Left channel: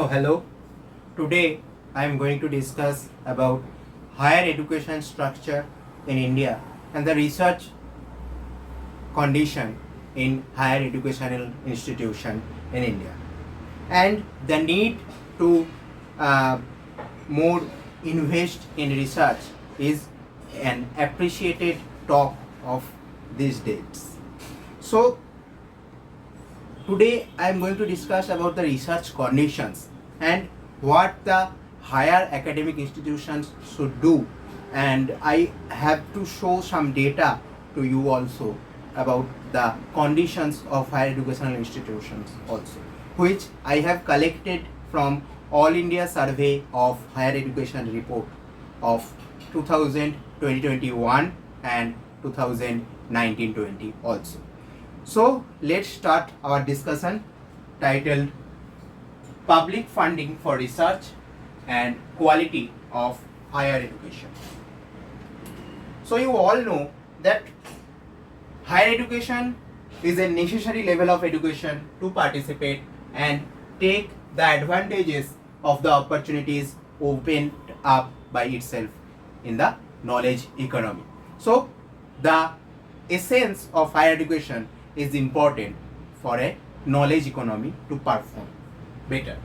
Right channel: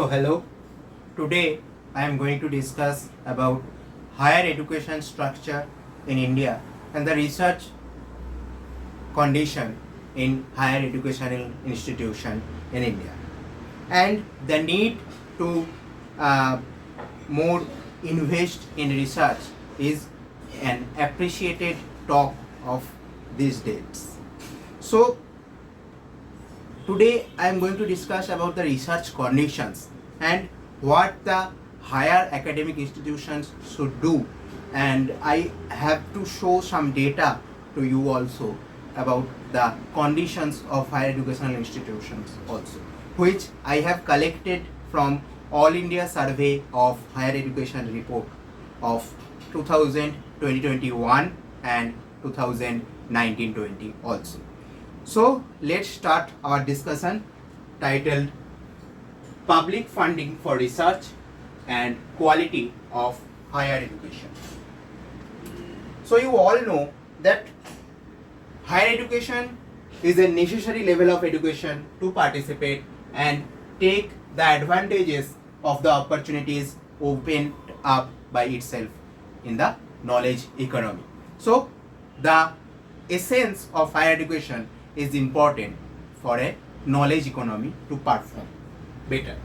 So hello, today I am going to discuss about higher education structure in India and the research condition in higher educational institution in India and the need to more invest in research is an appreciated talk of these days. So today I am going to discuss about the research conditions and what the higher academic institutions should do, and I have to show some data to you also about the conditions of higher educational institutions also, which I have collected from All India Survey of Higher Education report of 2021 and 2019-20 also. So let's start our discussion titled Public Funding for Research and Quality of Higher Education. So you all know that higher education is a necessary level of education to participate and take the advantages of the opportunities opened up by itself in the knowledge economy. So the essence of higher education is important for a knowledge economy to perform better.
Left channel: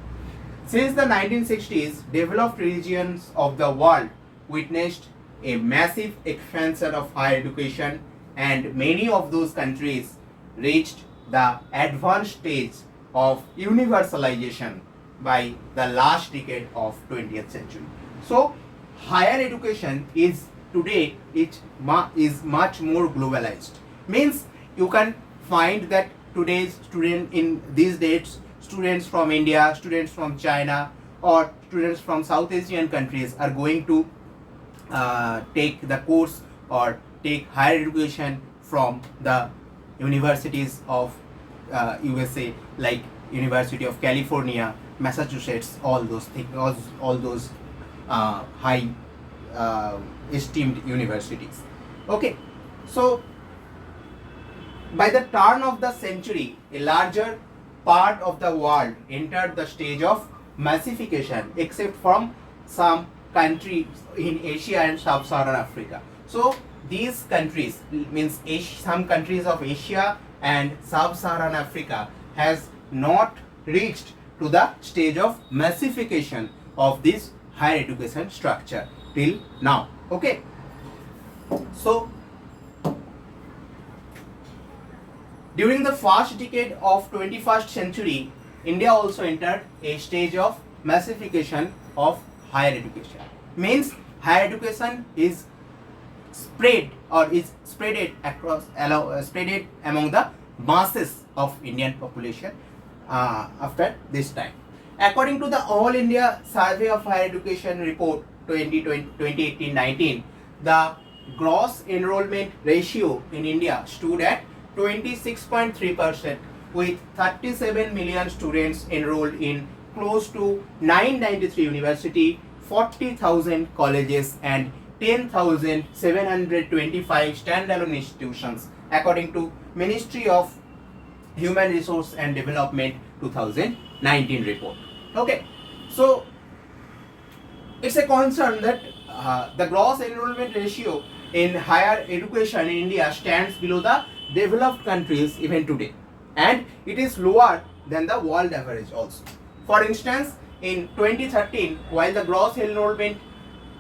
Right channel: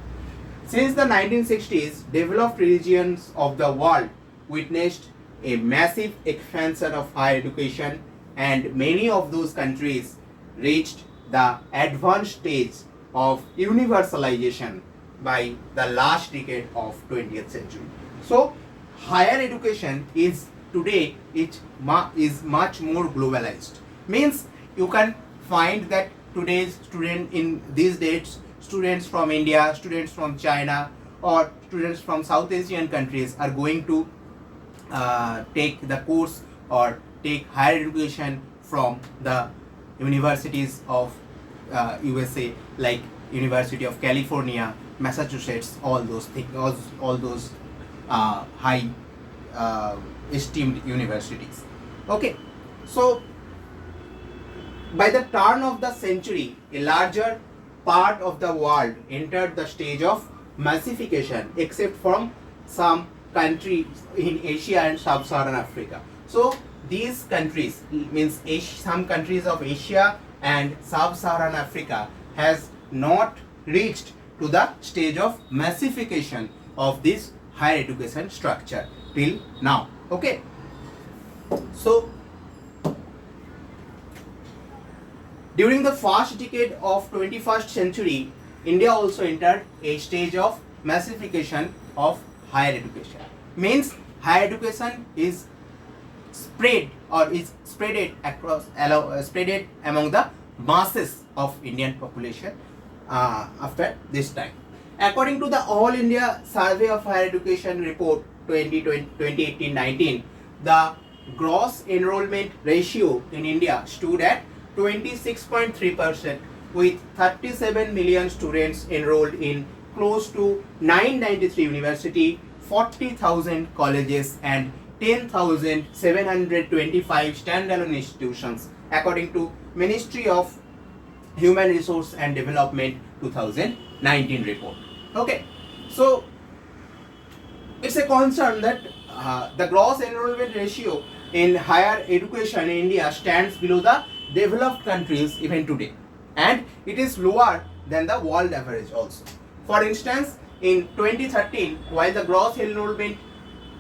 Since the 1960s, developed regions of the world witnessed a massive expansion of higher education, and many of those countries reached the advanced stage of universalization by the last decade of 20th century. So higher education is today is much more globalized. Means you can find that today's student in these days, students from India, students from China, or students from South Asian countries are going to take the course or take higher education from the universities of USA, like University of California, Massachusetts, all those things, all those high esteemed universities. Okay, so by the turn of the century, a larger part of the world entered the stage of massification, except from some countries in Asia and Sub-Saharan Africa. So these countries, means some countries of Asia and Sub-Saharan Africa, has not reached to the stage of massification of this higher education structure till now. Okay, so during the first decade of 21st century, India also entered a stage of massification of higher education. Means higher education is spread or is spreaded across, spreaded among the masses of Indian population after this time. According to the All India Survey of Higher Education report 2018-19, the gross enrollment ratio in India stood at 26.3%, with 37 million students enrolled in close to 993 university, 40,000 colleges and 10,725 standalone institutions, according to Ministry of Human Resource and Development 2019 report. Okay, so it's a concern that the gross enrollment ratio in higher education in India stands below the developed countries even today, and it is lower than the world average also. For instance, in 2013, while the gross enrollment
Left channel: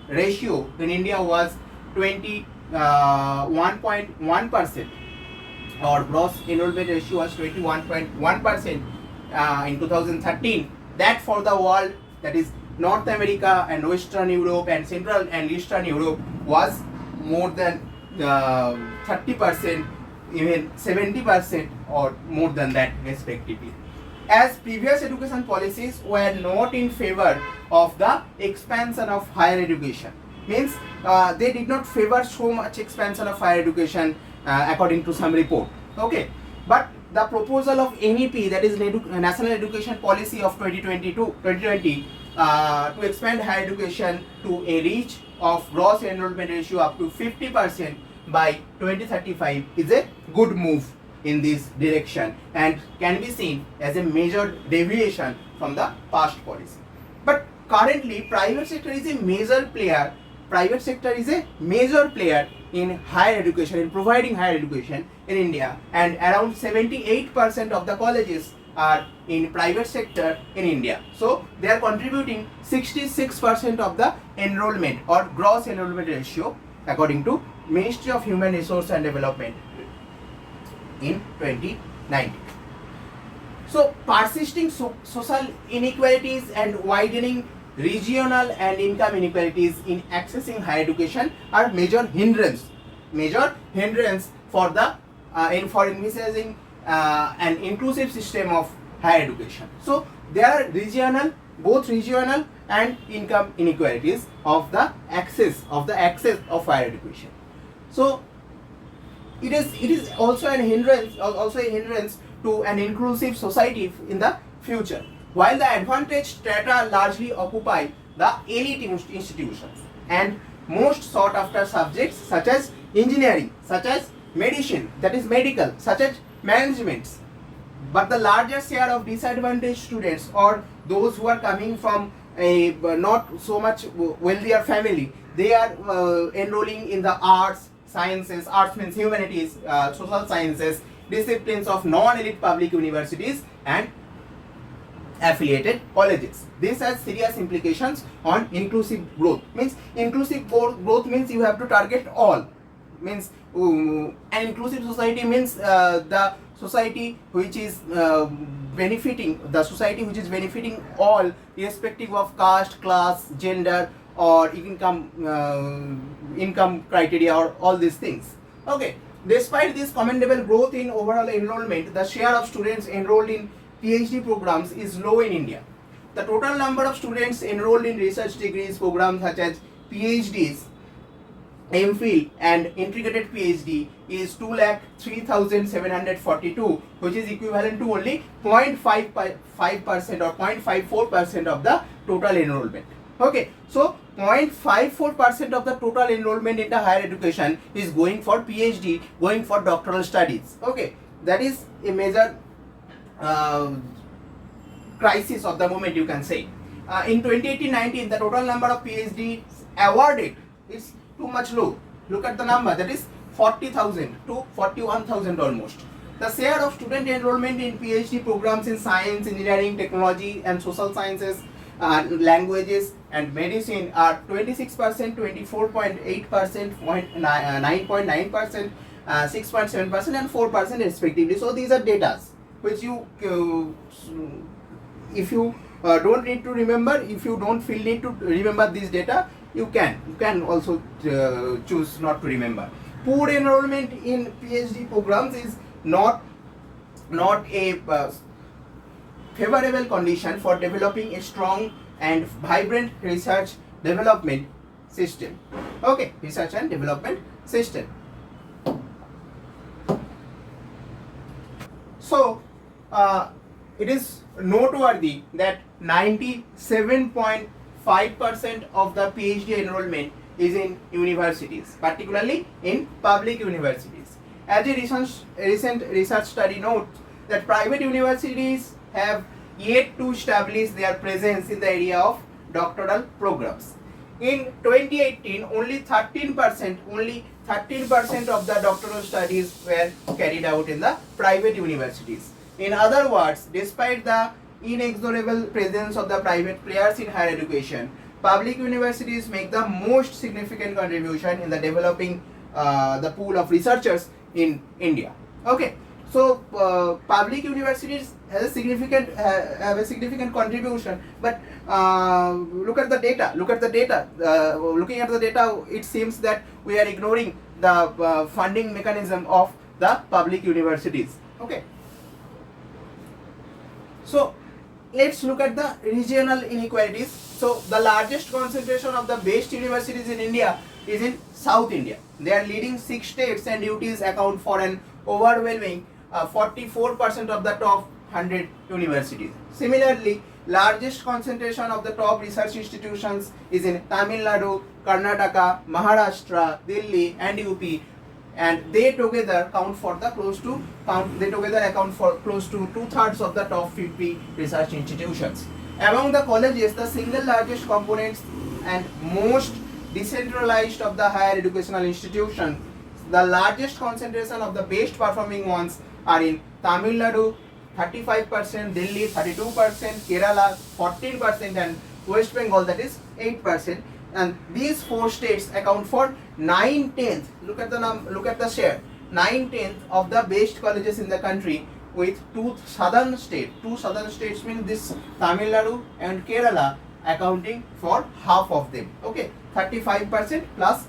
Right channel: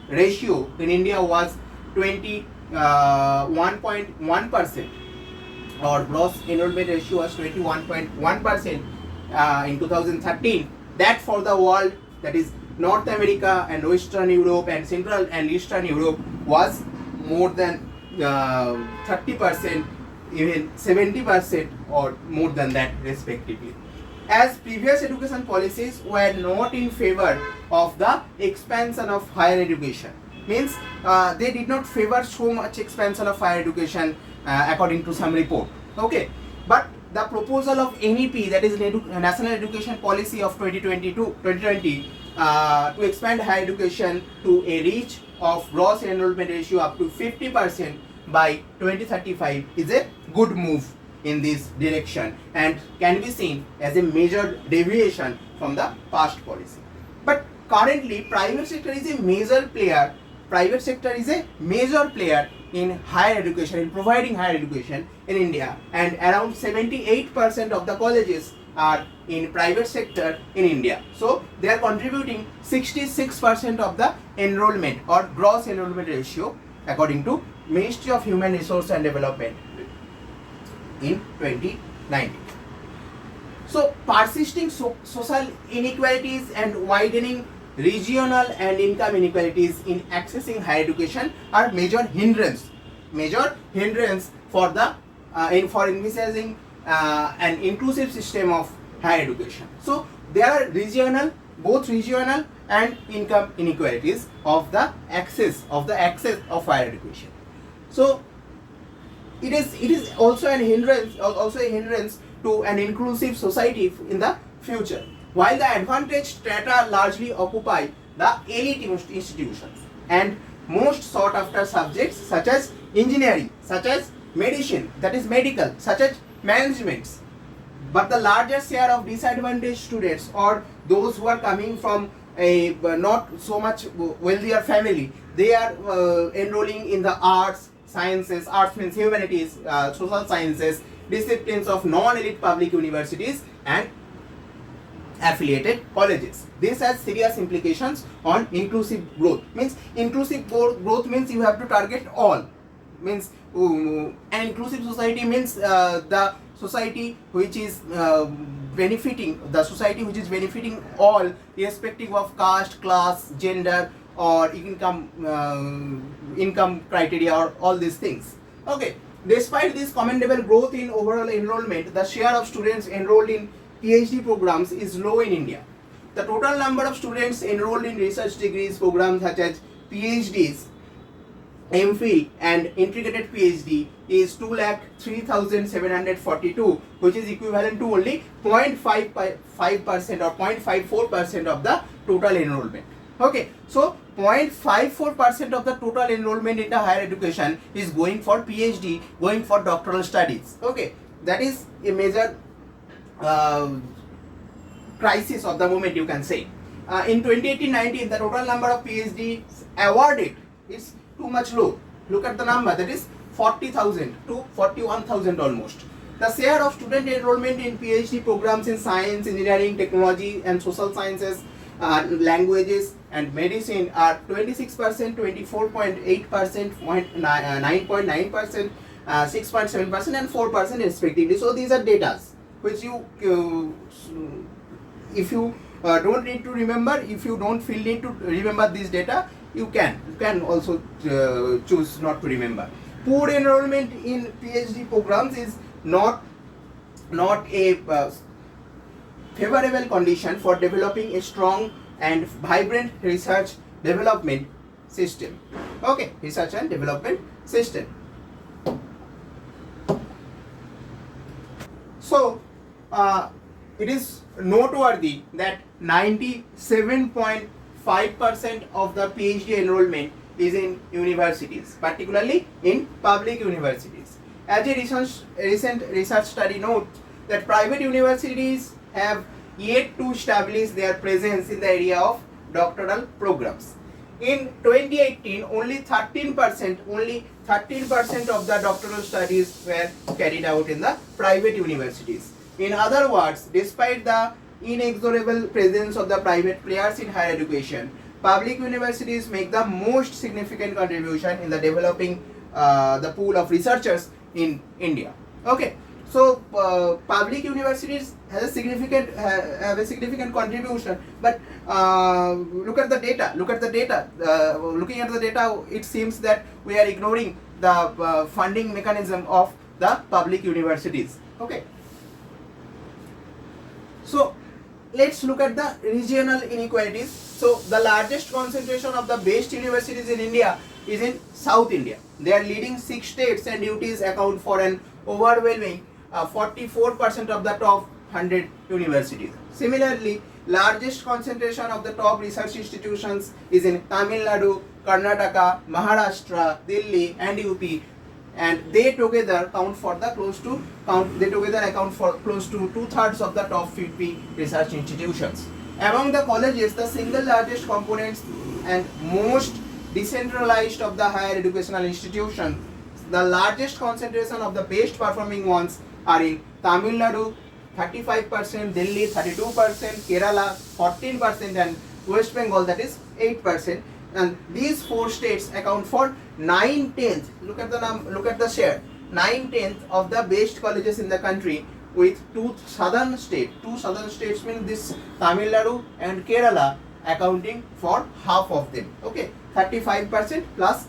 ratio in India was 21.1%, or gross enrollment ratio was 21.1% in 2013, that for the world, that is North America and Western Europe and Central and Eastern Europe, was more than 30%, even 70% or more than that respectively. As previous education policies were not in favor of the expansion of higher education, means they did not favor so much expansion of higher education according to some report. Okay, but the proposal of NEP, that is National Education Policy of 2020 to expand higher education to a reach of gross enrollment ratio up to 50% by 2035 is a good move. in this direction and can be seen as a major deviation from the past policy. But currently, private sector is a major player. Private sector is a major player in higher education, in providing higher education in India, and around 78% of the colleges are in private sector in India. So they are contributing 66% of the enrollment or gross enrollment ratio according to Ministry of Human Resource and Development in 2019. So persisting social inequalities and widening regional and income inequalities in accessing higher education are major hindrance for the for envisaging an inclusive system of higher education. So there are both regional and income inequalities of the access of higher education. So it is also a hindrance to an inclusive society in the future. While the advantaged strata largely occupy the elite institutions and most sought after subjects such as engineering, such as medicine, that is medical, such as management, but the larger share of disadvantaged students or those who are coming from a not so much wealthier family, they are enrolling in the arts, sciences. Arts means humanities, social sciences, disciplines of non-elite public universities and affiliated colleges. This has serious implications on inclusive growth. Means inclusive growth means you have to target all. Means an inclusive society means the society which is benefiting all irrespective of caste, class, gender or income criteria or all these things. Okay. Despite this commendable growth in overall enrollment, the share of students enrolled in PhD programs is low in India. The total number of students enrolled in research degrees programs such as PhDs, MPhil and integrated PhD is 2,03,742, which is equivalent to only 0.55% or 0.54% of the total enrollment. Okay, so 0.54% of the total enrollment in the higher education is going for PhD, going for doctoral studies. Okay, that is a major crisis of the moment, you can say. In 2018-19, the total number of PhDs awarded is too much low. Look at the number, that is 40,000 to 41,000 almost. The share of student enrollment in PhD programs in science, engineering, technology and social sciences, languages and medicine are 26%, 24.8%, 9.9%, 6.7% and 4% respectively. So these are data which you if you don't need to remember, if you don't feel need to remember this data, you can also choose not to remember. Poor enrollment in PhD programs is not a favorable condition for developing a strong and vibrant research development system. Okay, research and development system. So it is noteworthy that 97.5% of the PhD enrollment is in universities, particularly in public universities. As a recent research study notes that private universities have yet to establish their presence in the area of doctoral programs. In 2018, only 13% of the doctoral studies were carried out in the private universities. In other words, despite the inexorable presence of the private players in higher education, public universities make the most significant contribution in the developing the pool of researchers in India. Okay, so public universities have a significant contribution, but look at the data. Looking at the data, it seems that we are ignoring the funding mechanism of the public universities. Okay. So let's look at the regional inequalities. So the largest concentration of the best universities in India is in South India. Their leading 6 states and duties account for an overwhelming 44% of the top 100 universities. Similarly, largest concentration of the top research institutions is in Tamil Nadu, Karnataka, Maharashtra, Delhi and UP. and they together account for close to 2/3 of the top 50 research institutions. Among the colleges, the single largest components and most decentralized of the higher educational institutions, the largest concentration of the best performing ones are in Tamil Nadu 35%, Delhi 32%, Kerala 14%, and West Bengal, that is 8%. And these four states account for 9/10. Look at the share. 9/10 of the best colleges in the country, with two southern states means this Tamil Nadu and Kerala accounting for half of them. Okay, 35% plus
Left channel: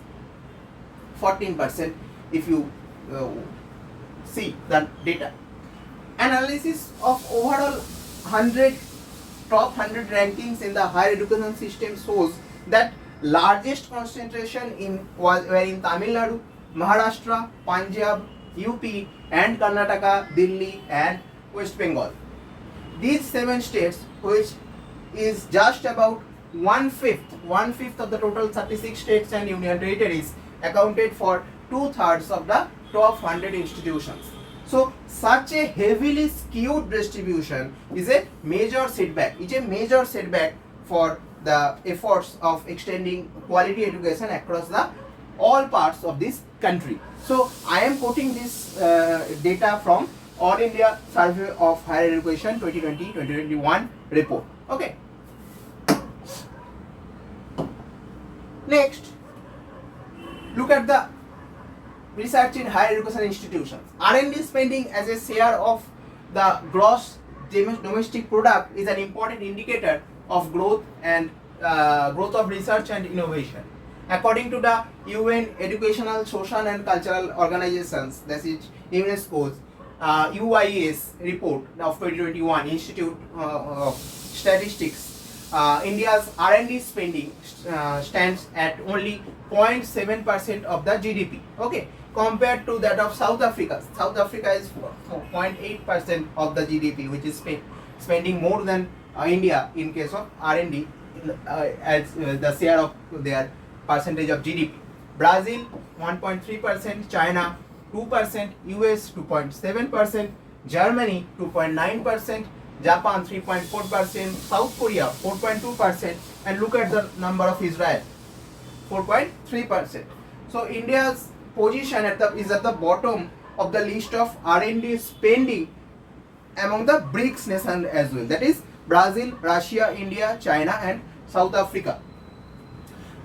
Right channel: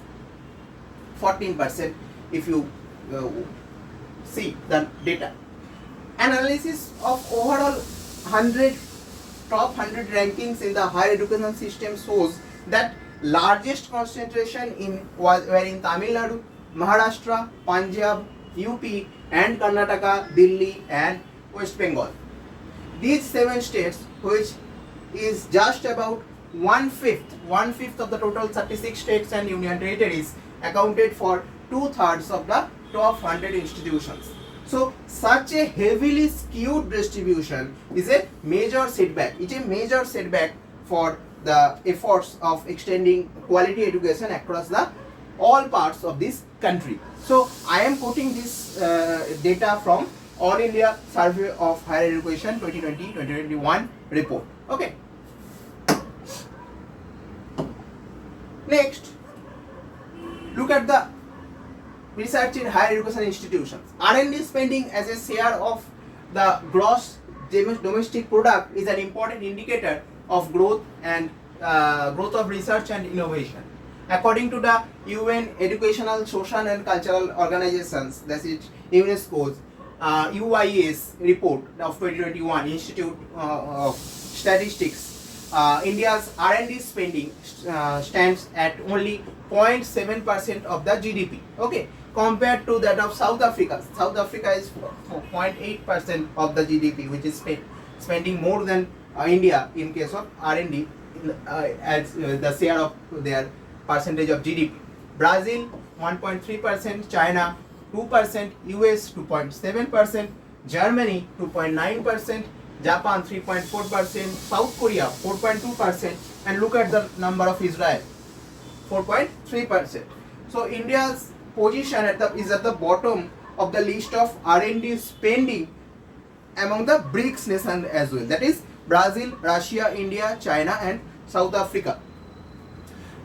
14% if you see the data. Analysis of overall top 100 rankings in the higher education system shows that largest concentration were in Tamil Nadu, Maharashtra, Punjab, UP, and Karnataka, Delhi, and West Bengal. These 7 states, which is just about one fifth of the total 36 states and union territories, accounted for 2/3 of the top 100 institutions. So such a heavily skewed distribution is a major setback. It's a major setback for the efforts of extending quality education across all parts of this country. So I am quoting this data from All India Survey of Higher Education 2020-2021 report. Okay. Next, look at the research in higher education institutions. R&D spending as a share of the gross domestic product is an important indicator of growth of research and innovation. According to the UN Educational, Social and Cultural Organizations, that is UNESCO's UIS report of 2021 Institute of Statistics, India's R&D spending stands at only 0.7% of the GDP. Okay, compared to that of South Africa. South Africa is 0.8% of the GDP, which is spending more than India in case of R&D as the share of their percentage of GDP. Brazil 1.3%, China 2%, US 2.7%, Germany 2.9%, Japan 3.4%, South Korea 4.2%, and look at the number of Israel, 4.3%. So India's position is at the bottom of the list of R&D spending among the BRICS nations as well. That is Brazil, Russia, India, China, and South Africa.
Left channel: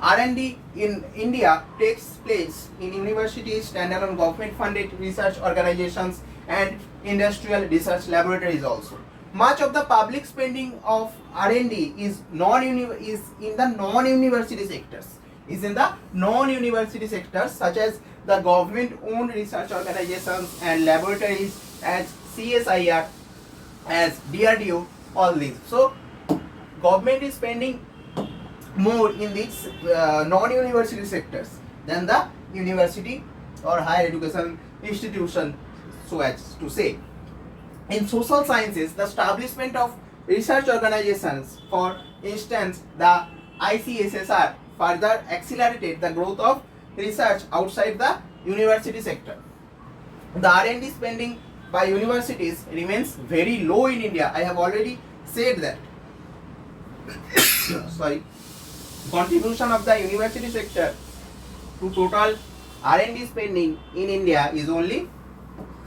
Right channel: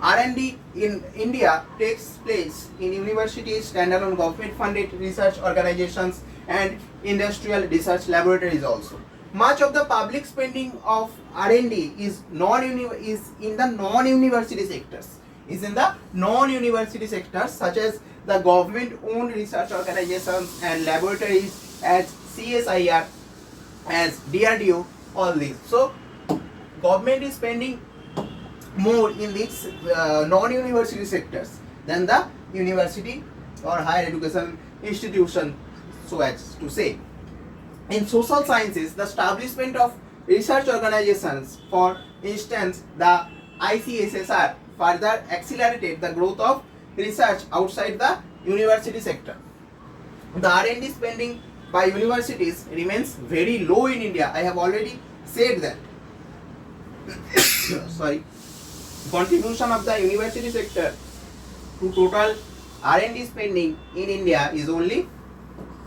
R&D in India takes place in universities, standalone government-funded research organizations, and industrial research laboratories also. Much of the public spending of R&D is in the non-university sectors, such as the government-owned research organizations and laboratories as CSIR, as DRDO, all these. So, government is spending more in these non-university sectors than the university or higher education institution, so as to say. In social sciences, the establishment of research organizations, for instance the ICSSR, further accelerated the growth of research outside the university sector. The R&D spending by universities remains very low in India. I have already said that. Sorry. Contribution of the university sector to total R&D spending in India is only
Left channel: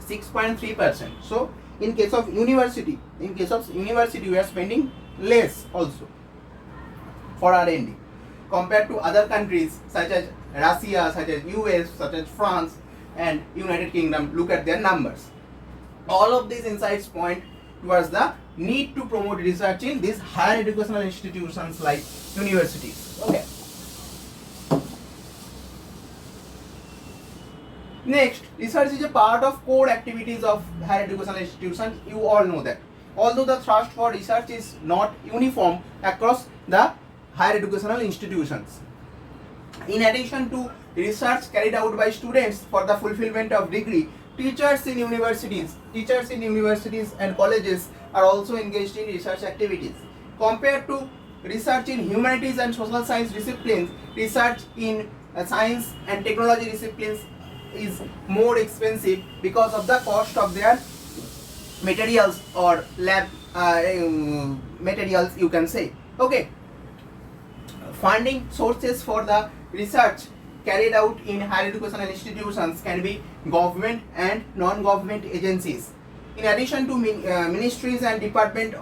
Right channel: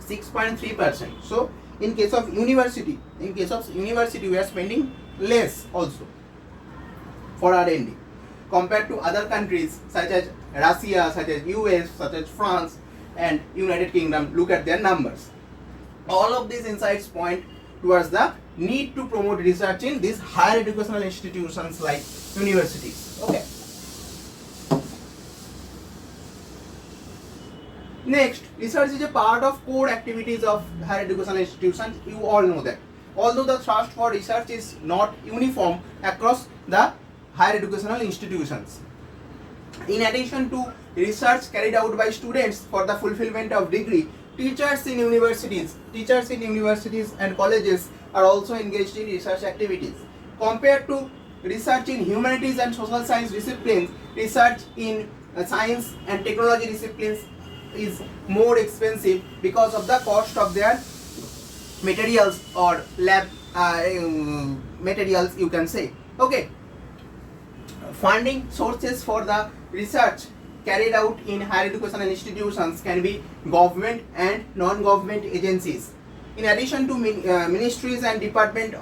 6.3%. So in case of university we are spending less also for R&D compared to other countries such as Russia, such as US, such as France and United Kingdom. Look at their numbers. All of these insights point towards the need to promote research in these higher educational institutions like universities. Okay. Next, research is a part of core activities of higher educational institutions. You all know that. Although the thrust for research is not uniform across the higher educational institutions. In addition to research carried out by students for the fulfillment of degree, teachers in universities and colleges are also engaged in research activities. Compared to research in humanities and social science disciplines, research in science and technology disciplines is more expensive because of the cost of their materials or lab materials, you can say. Okay, funding sources for the research carried out in higher educational institutions can be government and non-government agencies. In addition to ministries and department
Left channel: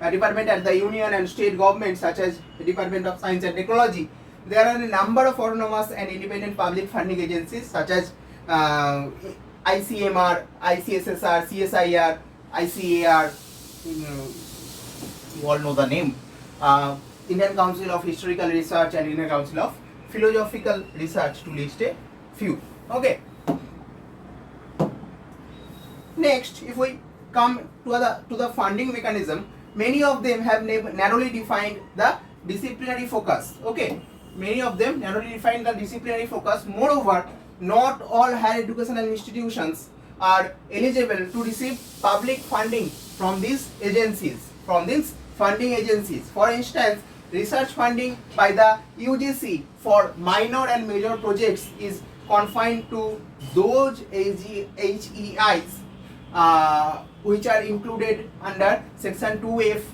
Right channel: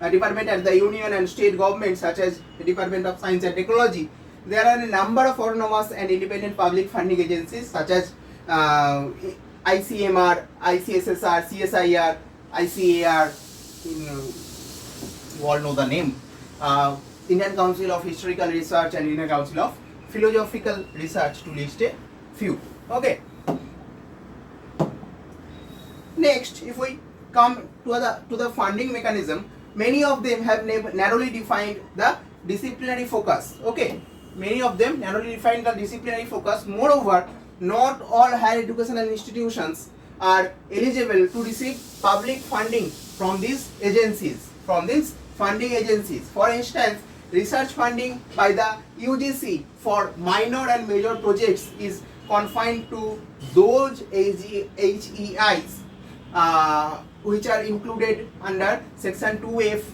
at the union and state government, such as the Department of Science and Technology, there are a number of autonomous and independent public funding agencies such as ICMR, ICSSR, CSIR, ICAR, you all know the name, Indian Council of Historical Research and Indian Council of Philosophical Research, to list a few. Okay. Next, if we come to the funding mechanism, many of them have narrowly defined the disciplinary focus. Okay, many of them narrowly define the disciplinary focus. Moreover, not all higher educational institutions are eligible to receive public funding from these agencies, funding agencies. For instance, research funding by the UGC for minor and major projects is confined to those HEIs which are included under section 2F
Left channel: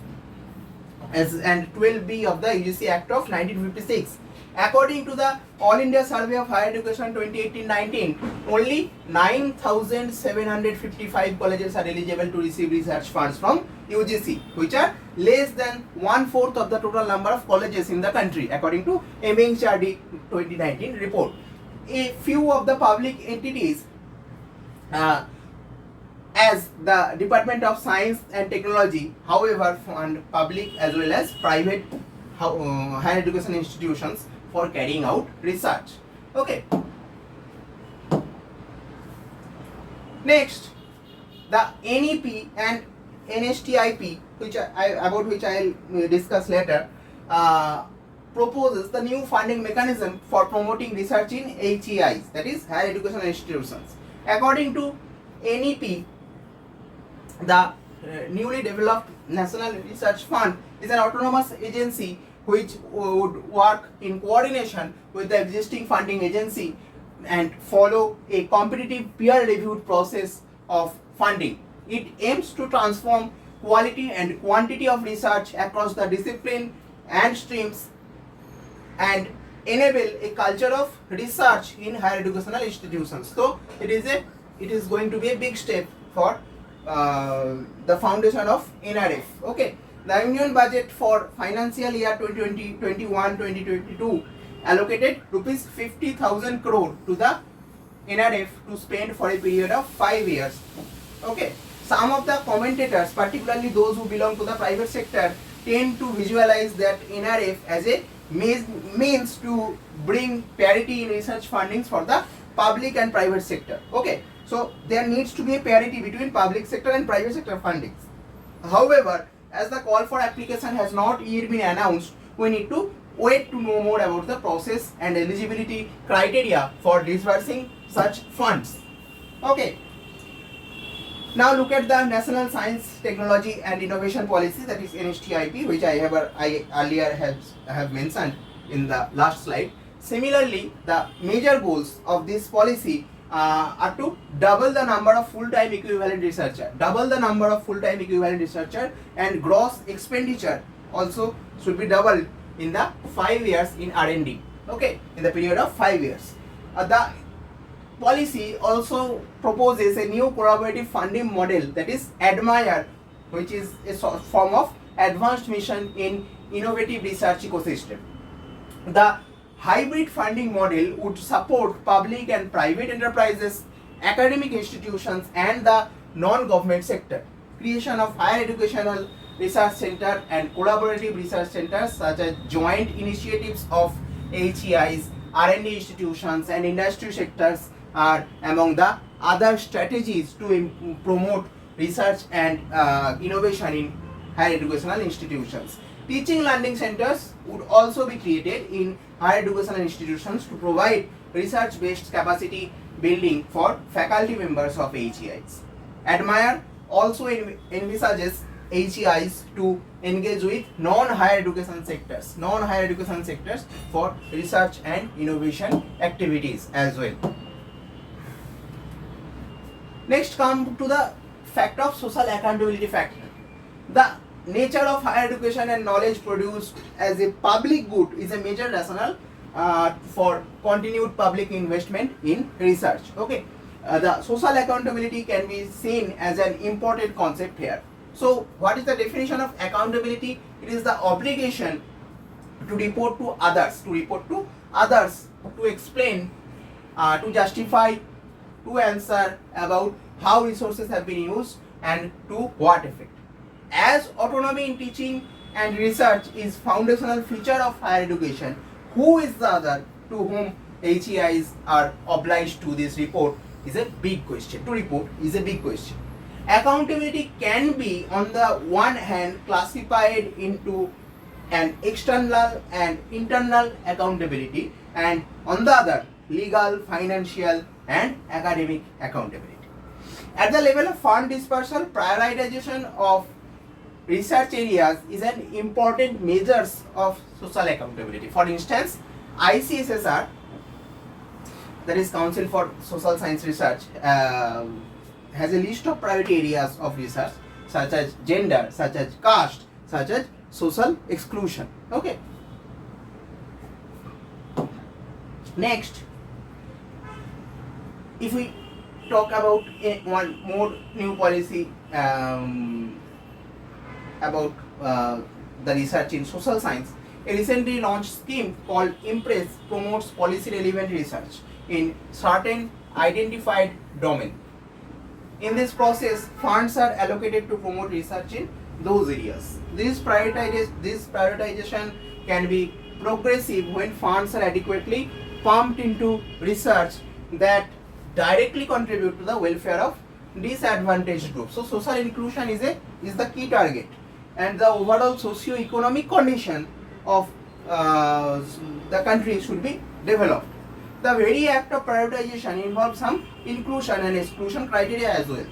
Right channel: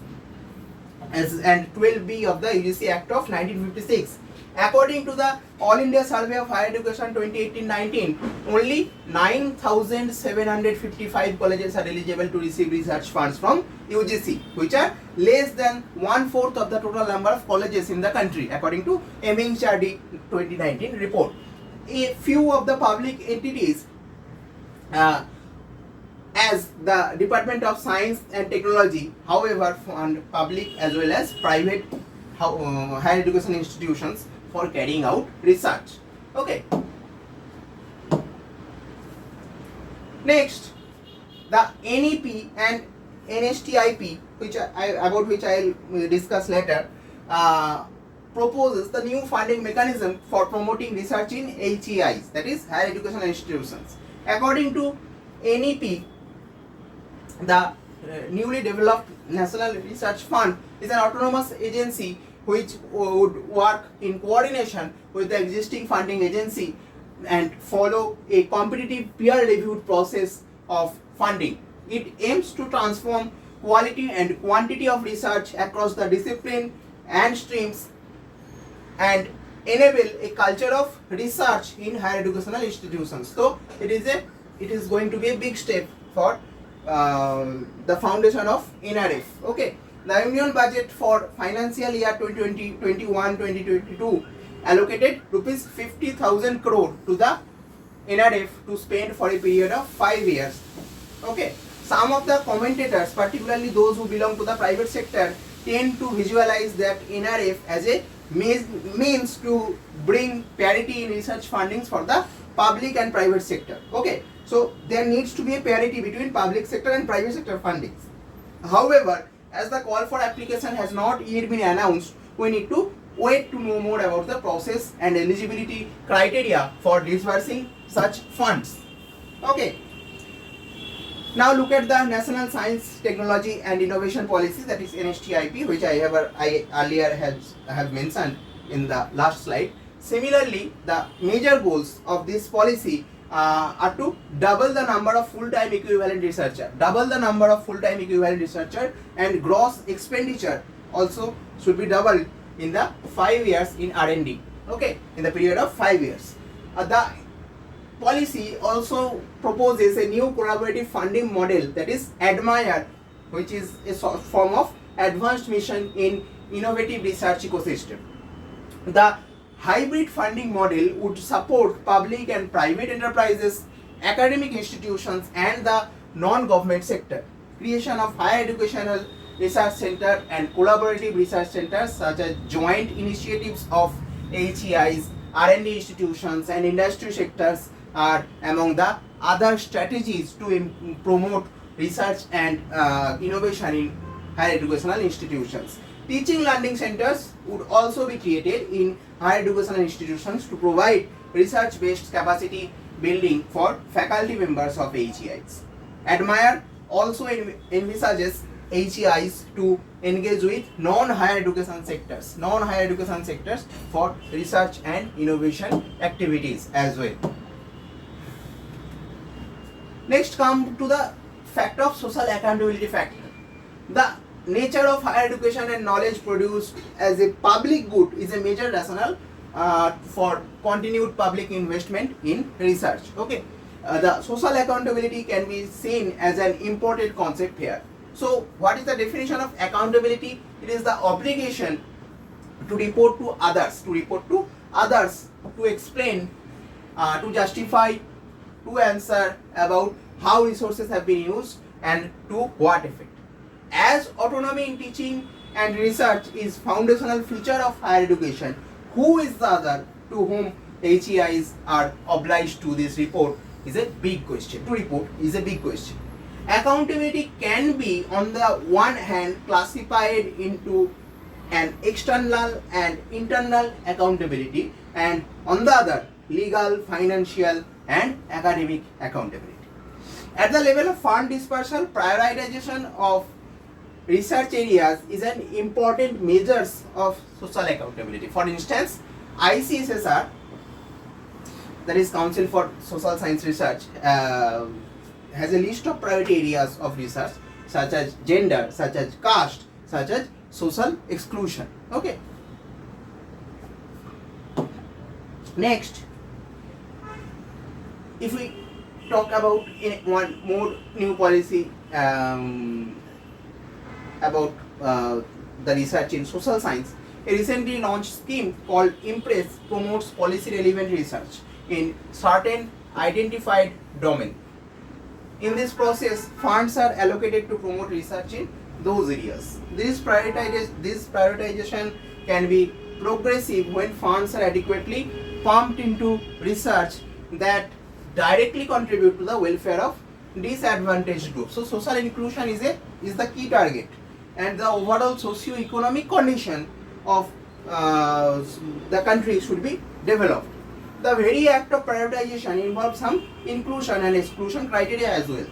and 12B of the UGC Act of 1956. According to the All India Survey of Higher Education 2018-19, only 9,755 colleges are eligible to receive research funds from UGC, which are less than 1/4 of the total number of colleges in the country, according to MHRD 2019 report. A few of the public entities, as the Department of Science and Technology, however, fund public as well as private higher education institutions for carrying out research. Okay. Next, the NEP and NHTIP, about which I will discuss later, proposes the new funding mechanism for promoting research in HEIs, that is higher educational institutions. According to NEP, the newly developed National Research Fund is an autonomous agency which would work in coordination with the existing funding agency and follow a competitive peer-reviewed process of funding. It aims to transform quality and quantity of research across the discipline and streams and enable a culture of research in higher educational institutions. So it is going to be a big step for the foundation of NRF. Okay. The union budget for financial year 2021-2022 allocated rupees 50,000 crore to the NRF to spend for a period of 5 years. Okay. Some of the commentators, particularly those who belong to the private sector, tend to visualize that NRF as a means to bring parity in research fundings for the public and private sector. Okay. So there needs to be a parity between public sector and private sector fundings. However, as the call for application has not yet been announced, we need to wait to know more about the process and eligibility criteria for disbursing such funds. Okay. Now look at the National Science, Technology and Innovation Policy, that is NHTIP, which I earlier have mentioned in the last slide. Similarly, the major goals of this policy are to double the number of full-time equivalent researcher, and gross expenditure also should be doubled in the 5 years in R&D. Okay, in the period of 5 years. The policy also proposes a new collaborative funding model, that is ADMIRE, which is a form of advanced mission in innovative research ecosystem. The hybrid funding model would support public and private enterprises, academic institutions and the non-government sector. Creation of higher educational research center and collaborative research centers such as joint initiatives of HEIs, R&D institutions and industry sectors are among the other strategies to promote research and innovation in higher educational institutions. Teaching learning centers would also be created in higher educational institutions to provide research-based capacity building for faculty members of HEIs. ADMIRE also envisages HEIs to engage with non-higher education sectors for research and innovation activities as well. Next come to the fact of social accountability factor. The nature of higher education and knowledge produced as a public good is a major rationale for continued public investment in research. Okay, the social accountability can be seen as an important concept here. So, what is the definition of accountability? It is the obligation to report to others, to explain, to justify, to answer about how resources have been used and to what effect. As autonomy in teaching and research is foundational feature of higher education, who is the other to whom HEIs are obliged to this report is a big question. To report is a big question. Accountability can be on the one hand classified into an external and internal accountability, and on the other legal, financial and academic accountability. At the level of fund dispersal, prioritization of research areas is an important measures of social accountability. For instance, ICSSR, that is Council for Social Science Research, has a list of priority areas of research such as gender, such as caste, such as social exclusion. Okay. Next, if we talk about one more new policy about the research in social science, a recently launched scheme called IMPRESS promotes policy relevant research in certain identified domain. In this process, funds are allocated to promote research in those areas. This prioritization can be progressive when funds are adequately pumped into research that directly contribute to the welfare of disadvantaged groups. So social inclusion is the key target, and the overall socio-economic condition of the country should be developed. The very act of prioritization involves some inclusion and exclusion criteria as well.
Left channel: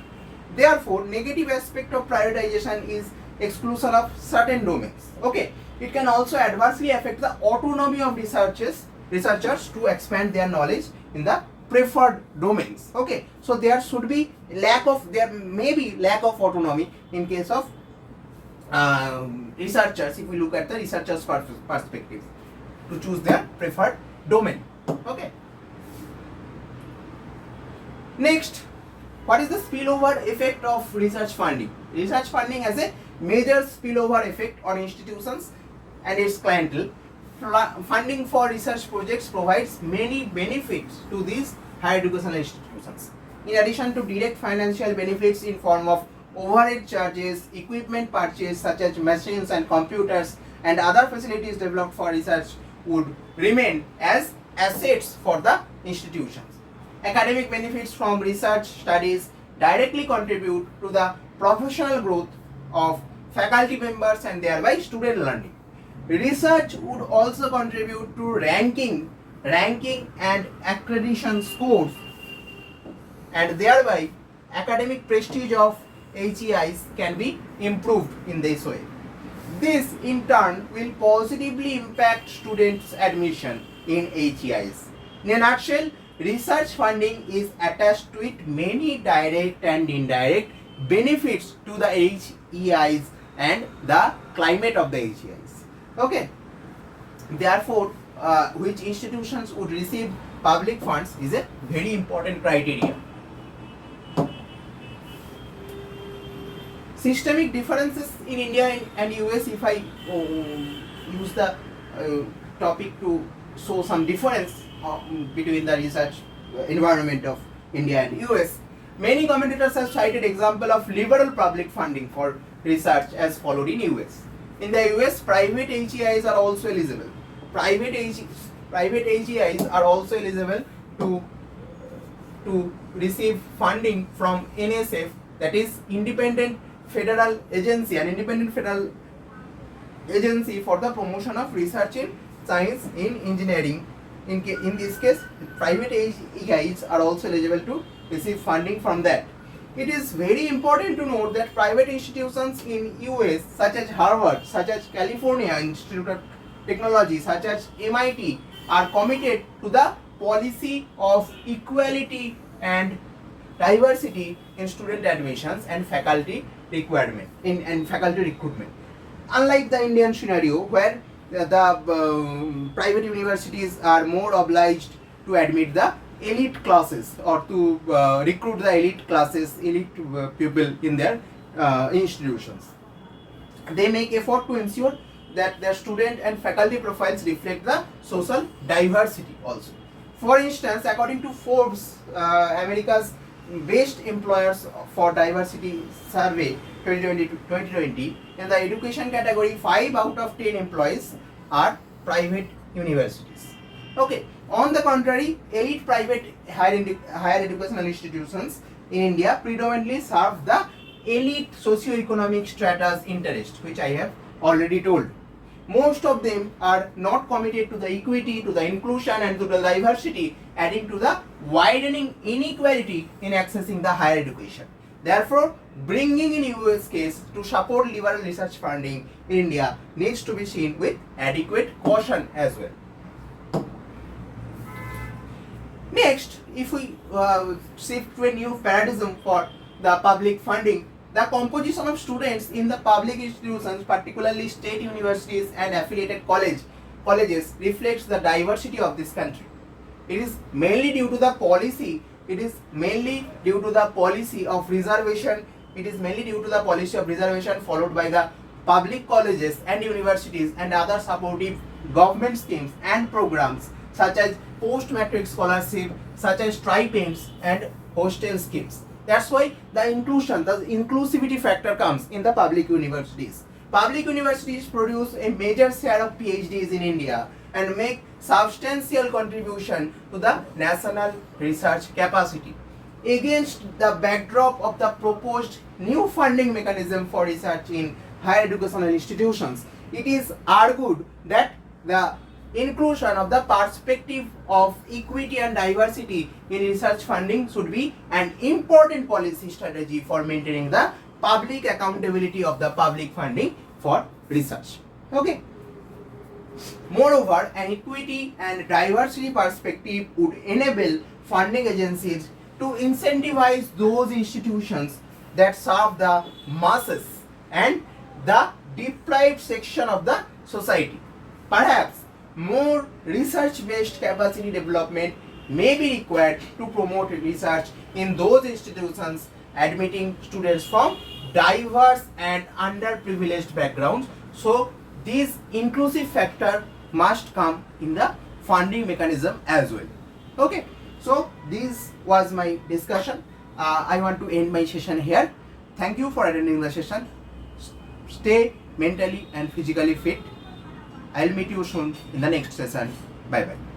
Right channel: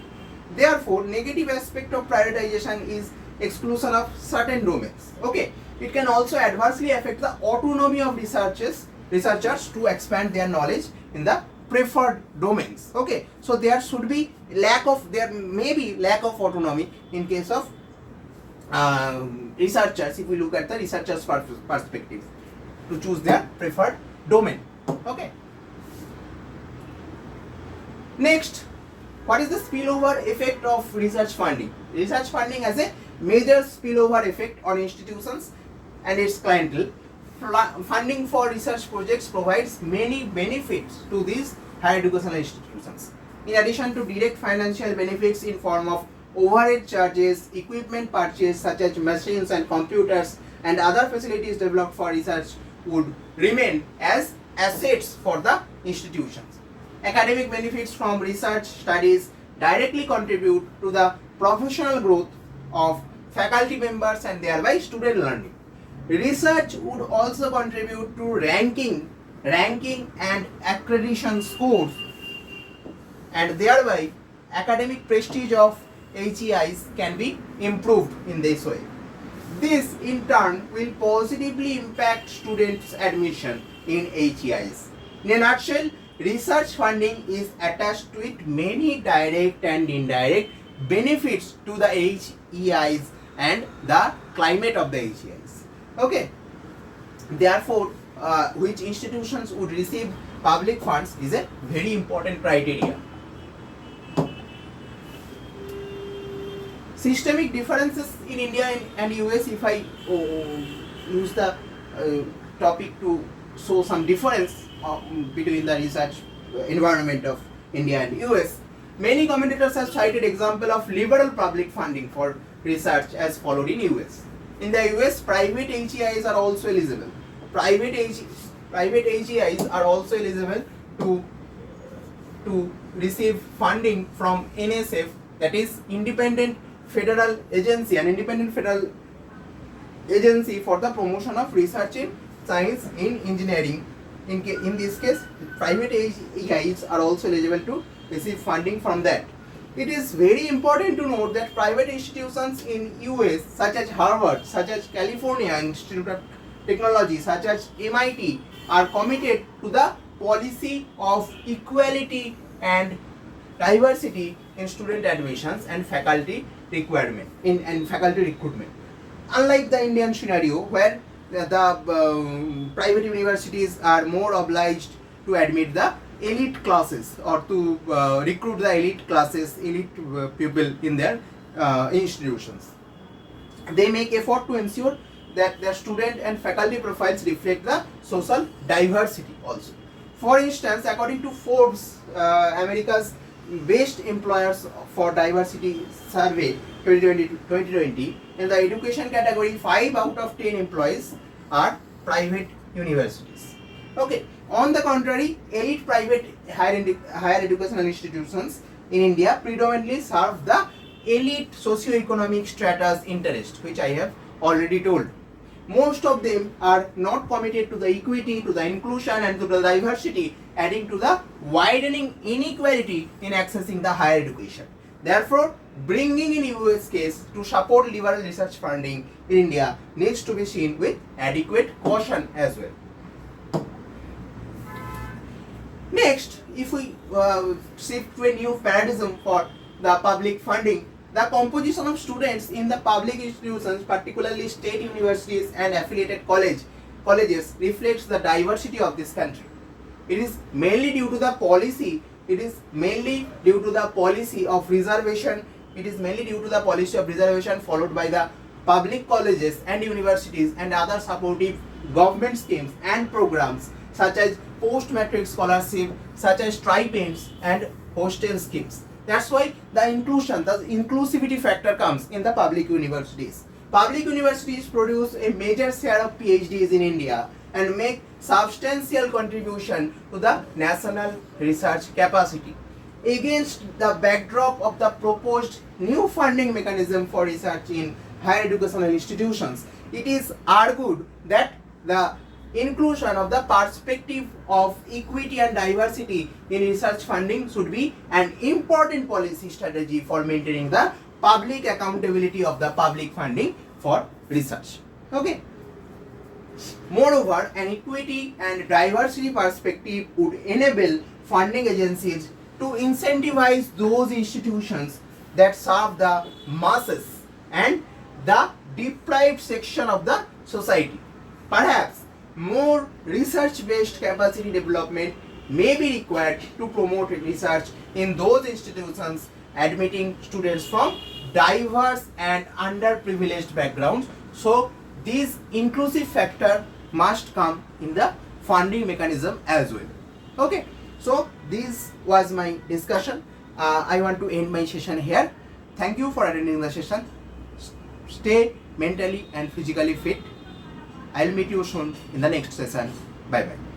Therefore, negative aspect of prioritization is exclusion of certain domains. Okay, it can also adversely affect the autonomy of researchers to expand their knowledge in the preferred domains. Okay, so there may be lack of autonomy in case of researchers, if we look at the researchers' perspective, to choose their preferred domain. Okay. Next, what is the spillover effect of research funding? Research funding has a major spillover effect on institutions and its clientele. Funding for research projects provides many benefits to these higher educational institutions. In addition to direct financial benefits in form of overhead charges, equipment purchase such as machines and computers and other facilities developed for research would remain as assets for the institutions. Academic benefits from research studies directly contribute to the professional growth of faculty members and thereby student learning. Research would also contribute to ranking and accreditation scores, and thereby academic prestige of HEIs can be improved in this way. This in turn will positively impact students' admission in HEIs. In a nutshell, research funding is attached to it many direct and indirect benefits to the HEIs and the climate of the HEIs. Okay. Therefore, which institutions would receive public funds is a very important criteria. Systemic differences in India and US, if I use the topic to show some difference between the research environment of India and US, many commentators have cited example of liberal public funding for research as followed in US. In the US, private HEIs are also eligible. Private HEIs are also eligible to receive funding from NSF, that is Independent Federal Agency, an independent federal agency for the promotion of research in science in engineering. In this case, private HEIs are also eligible to receive funding from that. It is very important to note that private institutions in US such as Harvard, such as California Institute of Technology, such as MIT are committed to the policy of equality and diversity in student admissions and faculty requirement and faculty recruitment. Unlike the Indian scenario where the private universities are more obliged to admit the elite classes or to recruit the elite classes, elite people in their institutions. They make effort to ensure that their student and faculty profiles reflect the social diversity also. For instance, according to Forbes, America's Best Employers for Diversity Survey 2020, in the education category, 5 out of 10 employees are private universities. Okay. On the contrary, elite private higher educational institutions in India predominantly serve the elite socio-economic strata's interest, which I have already told. Most of them are not committed to the equity, to the inclusion and to the diversity, adding to the widening inequality in accessing the higher education. Therefore, bringing in US case to support liberal research funding in India needs to be seen with adequate caution as well. Next, if we shift to a new paradigm for the public funding, the composition of students in the public institutions, particularly state universities and affiliated colleges, reflects the diversity of this country. It is mainly due to the policy. It is mainly due to the policy of reservation. It is mainly due to the policy of reservation followed by the public colleges and universities and other supportive government schemes and programs such as post-matric scholarship, such as stipends and hostel schemes. That's why the inclusion, the inclusivity factor comes in the public universities. Public universities produce a major share of PhDs in India and make substantial contribution to the national research capacity. Against the backdrop of the proposed new funding mechanism for research in higher educational institutions, it is argued that the inclusion of the perspective of equity and diversity in research funding should be an important policy strategy for maintaining the public accountability of the public funding for research. Okay. Moreover, an equity and diversity perspective would enable funding agencies to incentivize those institutions that serve the masses and the deprived section of the society. Perhaps more research-based capacity development may be required to promote research in those institutions admitting students from diverse and underprivileged backgrounds. So, this inclusive factor must come in the funding mechanism as well. Okay, so this was my discussion. I want to end my session here. Thank you for attending the session. Stay mentally and physically fit. I'll meet you soon in the next session. Bye bye.